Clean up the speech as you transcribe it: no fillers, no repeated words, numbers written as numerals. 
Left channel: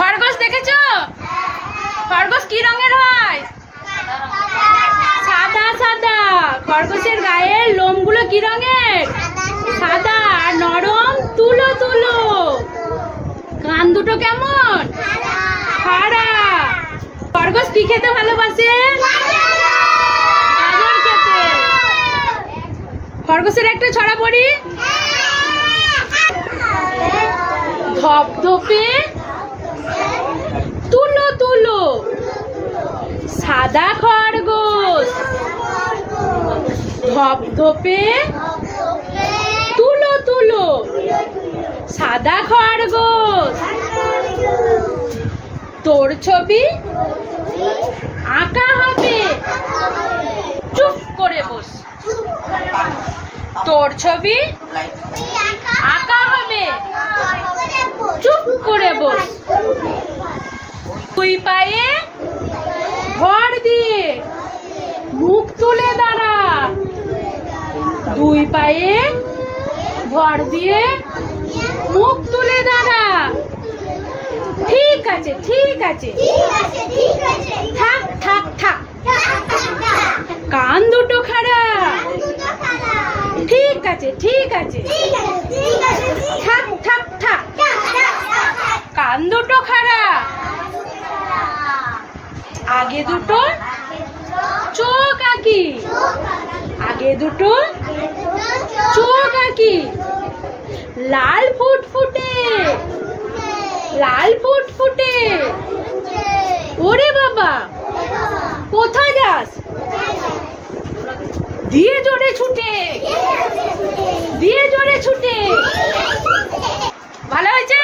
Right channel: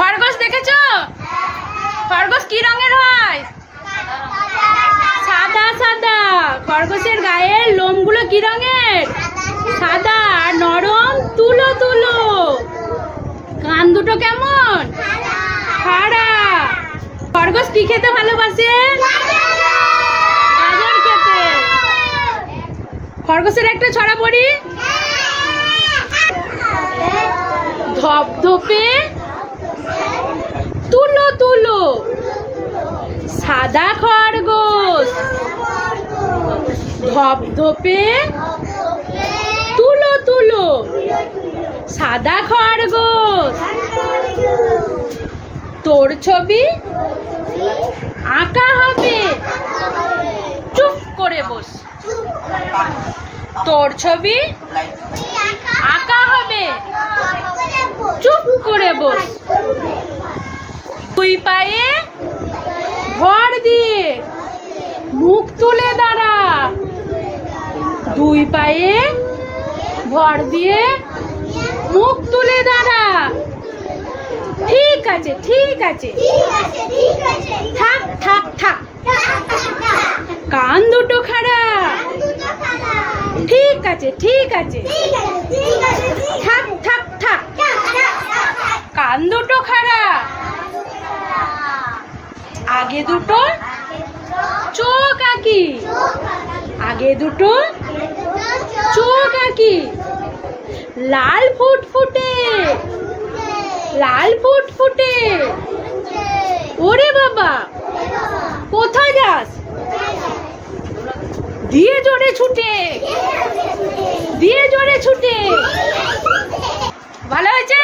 খরগোশ দেখেছো? খরগোশ কি রঙের হয়? সাদা সাদা। খরগোশের গায়ের লোমগুলো কি রঙের? সাদা আর নরম তুলো তুলো। কান দুটো কেমন? খাড়া। খরগোশ কি খেতে ভালোবাসে? গাজর খেতে। খরগোশের একটা ছড়া পড়ি। ধপধপে তুলো তুলো সাদা খরগোশ। ধপধপে তুলো তুলো সাদা খরগোশ। তোর ছবি আঁকা হবে, চুপ করে বস। তোর ছবি আঁকা হবে, চুপ করে বস। দুই পায়ে ভর দিয়ে মুখ তুলে দাঁড়া। দুই পায়ে ভর দিয়ে মুখ তুলে দাঁড়া। ঠিক আছে ঠিক আছে। থাক থাক থাক। কান দুটো খাড়া। ঠিক আছে ঠিক আছে। থাক থাক থাক। কান দুটো খাড়া। আগে দুটো চোখ আঁকি। আগে দুটো চোখ আঁকি। লাল ফুটফুটে লাল ফুটফুটে। ওরে বাবা, কোথায় যাস? দিয়ে জোরে ছুটে। দিয়ে জোরে ছুটে। ভালো হয়েছে?